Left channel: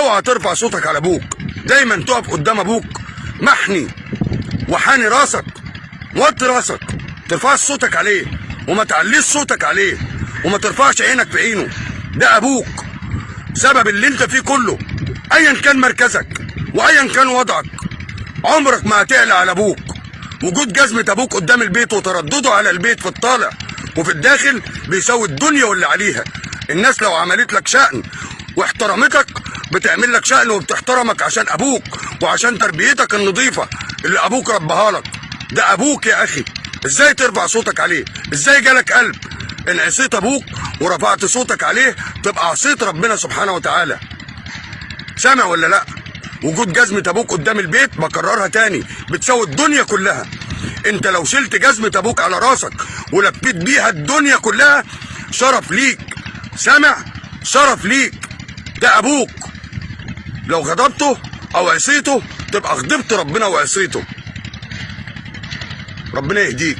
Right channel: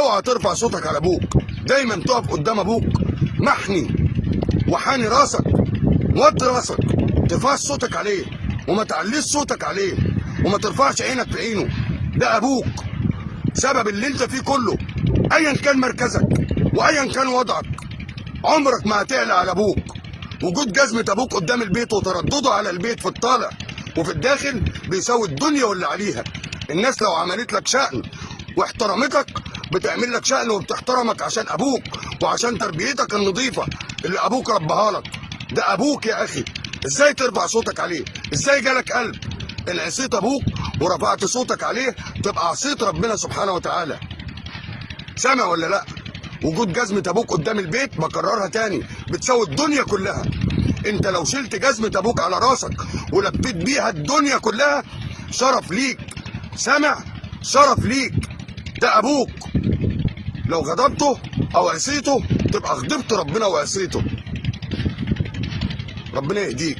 اوعى ترفع صوتك على ابوك. دايما تقف قدام ابوك محني وحاني راسك، موطي راسك، ترفعش صوتك عليه وما تعليش صوتك عليه وما ترفعش عينك في عينه. ده ابوك، سبب اللي انت فيه كله. ايا كان مركزك وايا كان وضعك، عمرك ما هتعلى على ابوك. وجود جزمة ابوك قدام البيت وتردده على البيت في الطالع وفي الداخل بيساوي الدنيا واللي عليها. الناس لو عملت لك شأن واحترمتك بتعمل لك شأن وبتحترمك عشان ابوك وعشان تربيتك النظيفة اللي ابوك ربها لك. ده ابوك يا اخي، ازاي ترفع صوتك عليه؟ ازاي جالك قلب؟ ان عصيت ابوك ورفعت صوتك عليه تبقى عصيت ربنا سبحانه وتعالى. سامع ولا لا؟ وجود جزمة ابوك قدام البيت، بكررها تاني، بتساوي الدنيا كلها. انت لو شلت جزمة ابوك على راسك ولفيت بيها الدنيا كلها، شرف ليك. سامع؟ شرف ليك. ده ابوك. لو غضبته او عصيته تبقى غضبت ربنا وعصيته. ربنا يهديك.